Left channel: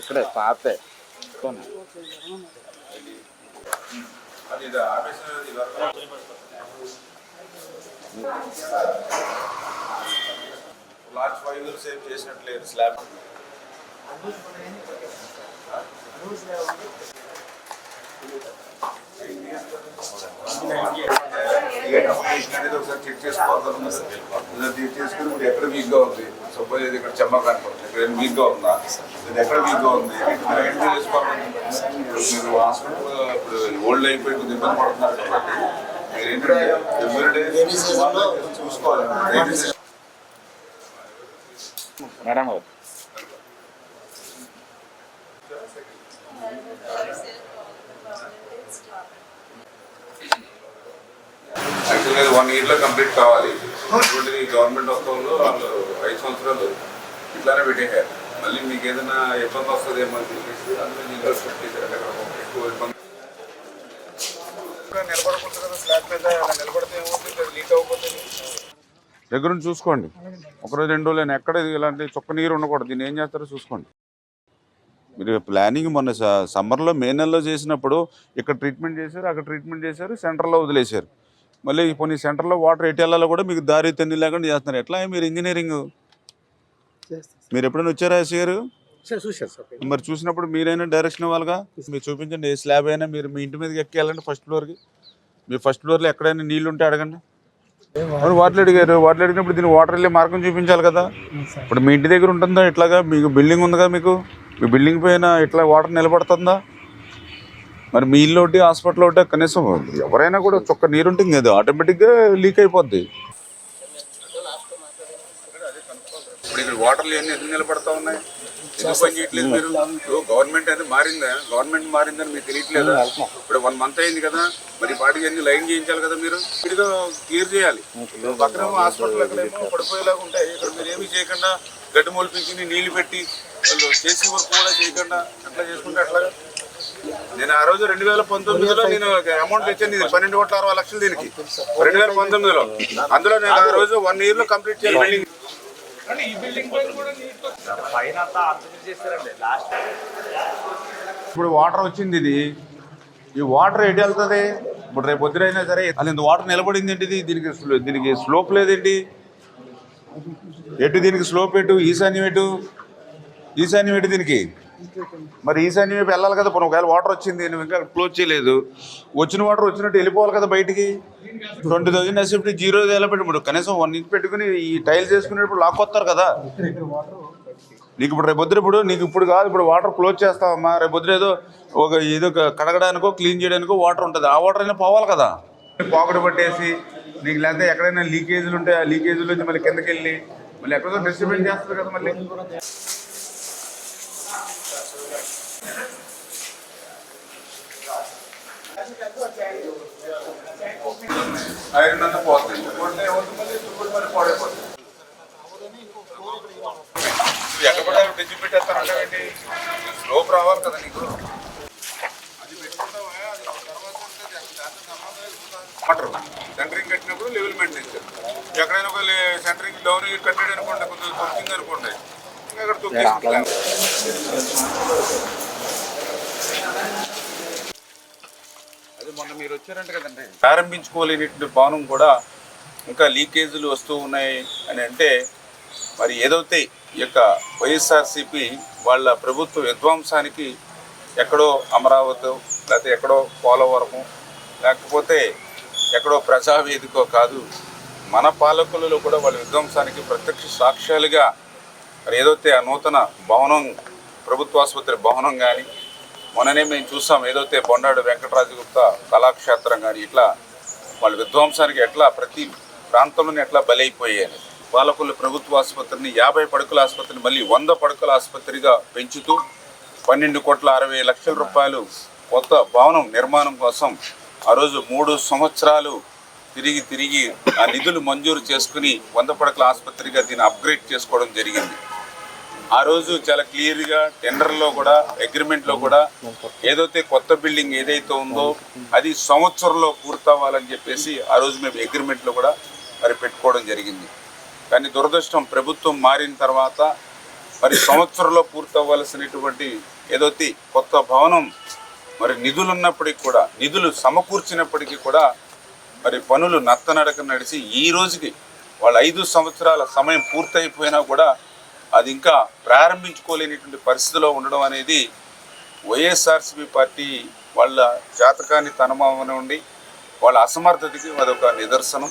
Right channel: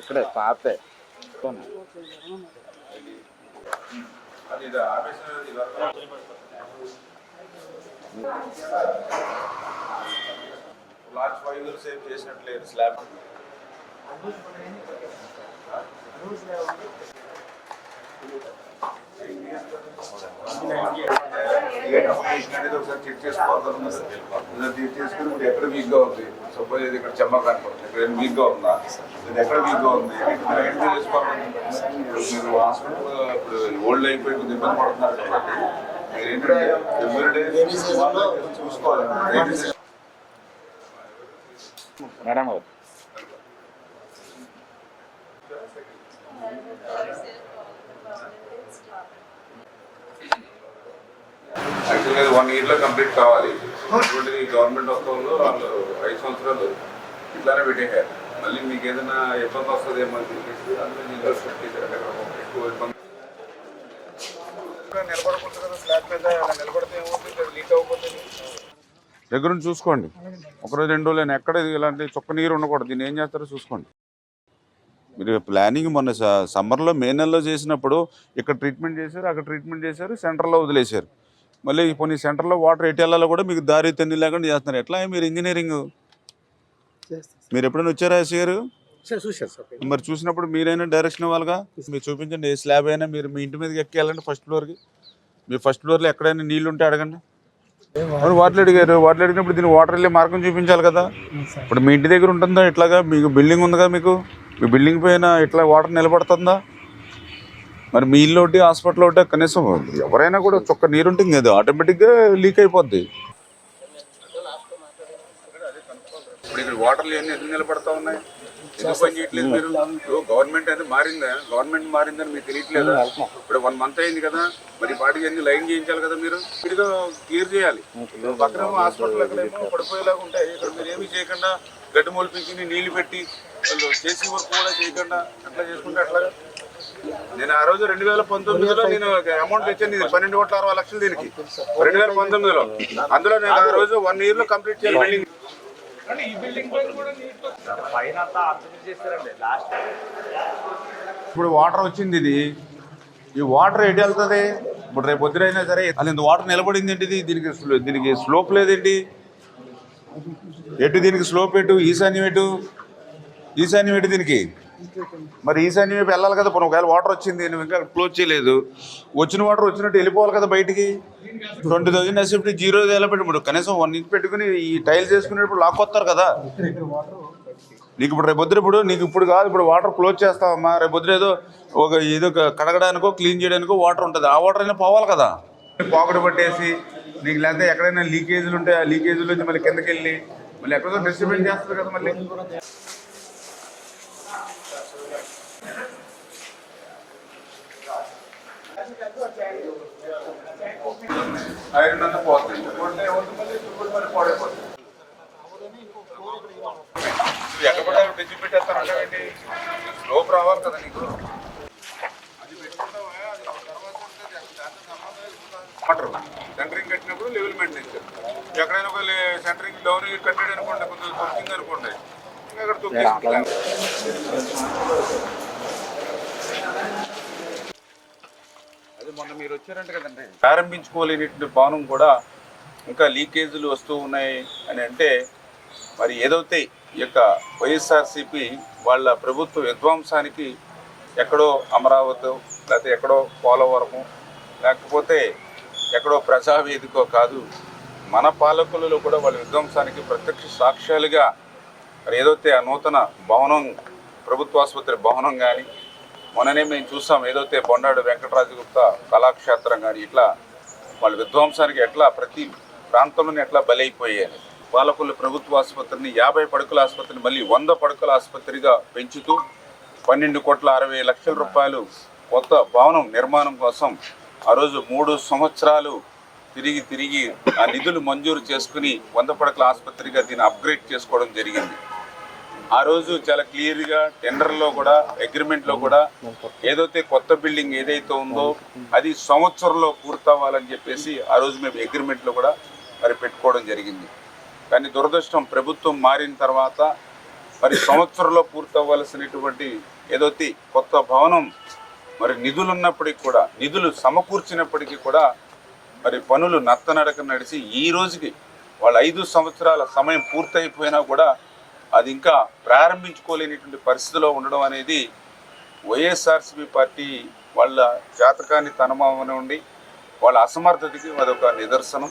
ఇక్కడే పాతే last 5 years save చేసినట్లేదు slab అనేది ఒకసారి చెక్ చేసుకోవాలి చేసుకుని ఇప్పుడు ఎక్కడ వీక్గా ఉంది సపోజ్ ఇది ఇక్కడ చెమ్మగా అనుకోండి ఇక్కడ వీక్గా ఉందా ఇది ఎక్కడ వీక్గా ఉంది మీరు ఐడెంటిఫై చేసుకోవాలి. మీరు హాస్పిటల్ ఇప్పుడు ఓల్డ్ అయిపోయి కొద్దిగా ఇబ్బంది పడుతున్నారు కాబట్టి మీరు ఏంటంటే ఎవ్రీడే చూసుకోవాలి. మేడం యాక్చువల్గా 1 yearలో కంప్లీట్ కావాలి. ఇటువంటి గవర్నమెంట్ వస్తువులు వాళ్ళు 5 సంవత్సరాలు ఇట్లానే పెట్టేశారు. మళ్ళీ మీకు ఏదైనా ఇబ్బంది వస్తుందేమో అని చెప్పేసి అందులో ఇన్వెస్ట్మెంట్ చేశారు. ఎక్కువ ఇబ్బంది నిలబడకూడదు కదా స్లాబ్ మీద నిలబడితే ఏమవుతుంది లీక్ అయిపోతుంది. దగ్గర నుంచి చూసుకోండి. ఒకరోజు 2 రోజులు ఎక్కడ ఇలాంటి చుక్క నీరు ఉండకూడదు. దీన్ని ఏం చేస్తారో చూసుకోండి. మీరు ప్లానింగ్ మొన్న సమ్మర్లో మే నెలలో చేసినప్పుడు ఇక్కడ ట్రీట్మెంట్ చేశారు, అక్కడ ట్రీట్మెంట్ చేశారు, సెంటర్లో వదిలేశారు. మళ్ళీ కొన్ని సెంటర్లో వాటర్ ఎటు వెళ్ళాలో కూడా మీకు దారి తెన్ని లేకుండా చేస్తున్నారు. ఎట్లా మీరు ఇంజనీరింగ్ మీరు ఎప్పుడైనా వచ్చారా ఎస్ గారు? మరి చూసినప్పుడు మీరైనా డైరెక్షన్ ఇవ్వాలిగా. మీరు చూపించండి. ఏ స్లాబ్ అయినా మీరు మీ ఇంటి మీదకి ఎక్కేయాలంటే ఫస్ట్ ఫ్లోర్కి. మీ ఫస్ట్ ఫ్లోర్లో ఎక్కడైనా నీళ్ళు ఉంటే అడగండి. వాటర్ అడిగారు. వాటర్ అడిగినప్పుడు దీన్ని వాటర్ వెళ్ళే మార్గం చూపించాలి కదా. ఇప్పుడు మీ ఇంటి దగ్గర ఉంటుందా ఇట్లాగా? మీకు బిల్డింగ్ ఉందిగా, మీకు మీ బిల్డింగ్ పైన ఇట్లా వాటర్ నిలబడుతుందా? మరి మీ ఇల్లు ఒకటి హాస్పిటల్ ఒకటి కనీసం ఎవరైనా కూడా చొక్క నీరు ఉంటుంది కదా ఆటోమేటిక్గా లీక్ అయిపోద్ది. ఇప్పుడు ఇక్కడ వాటర్లు ఎన్ని నిలబడతా ఉన్నాయి, ఎందుకు పని చేయట్లేదు మీరు? గవర్నమెంట్ అయితే మారిందా? గవర్నమెంట్ మారిందని మీకు తెలియట్లేదా? ఇప్పుడు 1 month అయింది కదా, మరి వాటికి అన్ని లైన్ చేయించాలి కదా. మీరు ఇదిగా క్లియర్ చేయాలి. పక్కన హాస్పిటల్ ఎక్కడేమో పడిపోయేలాగా ఉంటాయి. ఇక్కడ మీరు ఏమీ చేయకుండా గడ్డి మొలిపించి నీళ్లు పెట్టి వాళ్ళు చేసి వర్క్ కూడా చేయకుండా అట్లా చేసుకుంటే అట్లాగా. నేను ఆ రోజు 2019లో నేను అమౌంట్ తెచ్చాను. 12,60,00,000 దీనికి 2019లో. అందులో నేను ఆ రోజు 1 yearలో కంప్లీట్ చేయాలి బిల్డింగ్. ఇప్పుడు వాటర్ వచ్చింది. ఇది ఈ వాటర్ ఎటు వెళ్తుంది? ఇప్పుడు రేపు పొద్దునైనా సరే అది ఇంత వాటర్ నిలబడింది ఏంటిది? దీనికి స్లోప్ లేదేంటి? ఎటు దీనికి స్లోప్ ఎటు? ఈశాన్యం ఎటు? ఈశాన్యం ఎటు దీనికి? మరి ఈశాన్యం వైపు వెళ్ళాలి కదా. ఇప్పుడు ఒకవేళ వాటర్ వచ్చింది, నువ్వు ఇంకా క్లోజ్ చేయలేదు, వచ్చిన వాటర్ వచ్చినట్టు వెళ్ళిపోవాలి కదా బయటికి. 20,000 ఎస్ఎఫ్టీ 0 ఎలా పెట్టి కనీసం 1 inch పెట్టుకుని ఈ టైల్స్ వేసుకునేటప్పుడు లాక్కొస్తారు కదా. నీకు ఇప్పుడు రేపు పొద్దున ఇప్పుడు నీకు ఇప్పుడు కాదు, ఇప్పుడు వాటర్ క్లోజ్ చేస్తావమ్మా. రేపు పొద్దున ఏదో కడగడానికో క్లీన్ చేయడానికో వాటర్ ఉంటుంది. ఆ వాటర్ అయినా పోవాలి కదా. పాకెట్ పట్టేసి నీకు లేకపోతే ఎక్కడైనా లీకేజీలు ఉంటే ఆ లీకేజీల నుంచి మళ్ళీ కిందకి వెళ్ళి మళ్ళీ ఎక్కడో డిస్ట్రిబ్యూట్ చేస్తారు కదా. మళ్ళీ ఐరన్ అంతా పోతుంది. ఎక్కడ కూడా డిజి పెట్టేస్తారంటే స్లోప్ రావాలి కదా నీకు. అది పెట్టుకుంటావా? వాటర్ సెంటరింగ్ కట్టినప్పుడు లెవెల్ మెయింటైన్ చేయాలి. ఎక్కడైనా ఒక సెంటరింగ్ డౌన్ కట్టాడు అనుకోండి, కొంచెం తొక్కింది అనుకోండి, ఇంకా అక్కడ తొక్కేసుకుంటాను. అది మొన్న మీరు వచ్చారంటే కదండి, ప్రారంభించుకోలేనటువంటి భవనం కూడా ఇంకా లీకేజీలు వస్తూ ఉన్నాయి అని అంటే మరి ఏదైతే ఈ యొక్క వైఎస్ఆర్సీపీ వాళ్ళ ప్రభుత్వ విధ్వంసానికి ఎక్కడో అమరావతి లేకపోతే ఎక్కడో పోలవరము లేకపోతే ఎక్కడో ప్రజావేదికో కాదు, మన పాలకులలో కూడా వాళ్ళ విధ్వంసానికి ప్రత్యక్ష సాక్ష్యాలుగా మరి ఏదైతే ఆ నూతన భవనం ప్రభుత్వ ఆసుపత్రి భవనం కానీ, మొన్ననే మేము చూసాం ఏదైతే బొండాడు వెంకటరాజగుప్త కళాక్షేత్రం కానీ, ఇట్లా వాళ్ళ విధ్వంసానికి ఎట్లా ప్రతి ప్రాంతంలోనే ఎట్లా బలైపోయాయి. పాలకుల ప్రభుత్వ ఆసుపత్రిని 50 పడకల ఆసుపత్రిని మళ్ళీ 100 పడకల ఆసుపత్రిగా పెంచుతూ 12,60,00,000 రూపాయలు కొత్త భవనం నిర్మాణం కోసం ఆ రోజు 3 సంవత్సరాలు తిరిగి ఆ నిధులు మంజూరు చేసుకుని 100 పడకల ఆసుపత్రిగా దీన్ని అప్గ్రేడ్ చేసుకోవడం జరిగింది. ఆ రోజు చాలా క్లియర్గా టెండర్లో కూడా అగ్రిమెంట్లో కూడా ఏదైతే కొత్త బిల్డింగ్ ఏదైతే ఉందో అది సంవత్సరంలో పూర్తవ్వాలని చెప్పేసి ఆ రోజు మేము అగ్రిమెంట్లో కూడా మరి పెట్టుకోవడం జరిగింది. కానీ దురదృష్టం ప్రభుత్వం మారిన తర్వాత మరి సంవత్సరంలో పూర్తవ్వాల్సినటువంటి ఏదైతే కొత్త భవనం మరి నిధులు ఉన్నప్పటికీ కూడా, నిధులు సమకూర్చినప్పటికీ కూడా మరి పనులు నత్తనడక నడిచి ఈ రోజుకి వాళ్ళ 5 సంవత్సరాల సమయం పూర్తయిపోయినా కూడా అది ఇంకా ప్రారంభించుకోలేనటువంటి పరిస్థితిలో ఉండడం అనేది వైఎస్ఆర్సీపీ పార్టీ వాళ్ళ జాతకాన్ని తనమవనివ్వండి, వాళ్ళ అసమర్థతకి అదొక నిదర్శనం.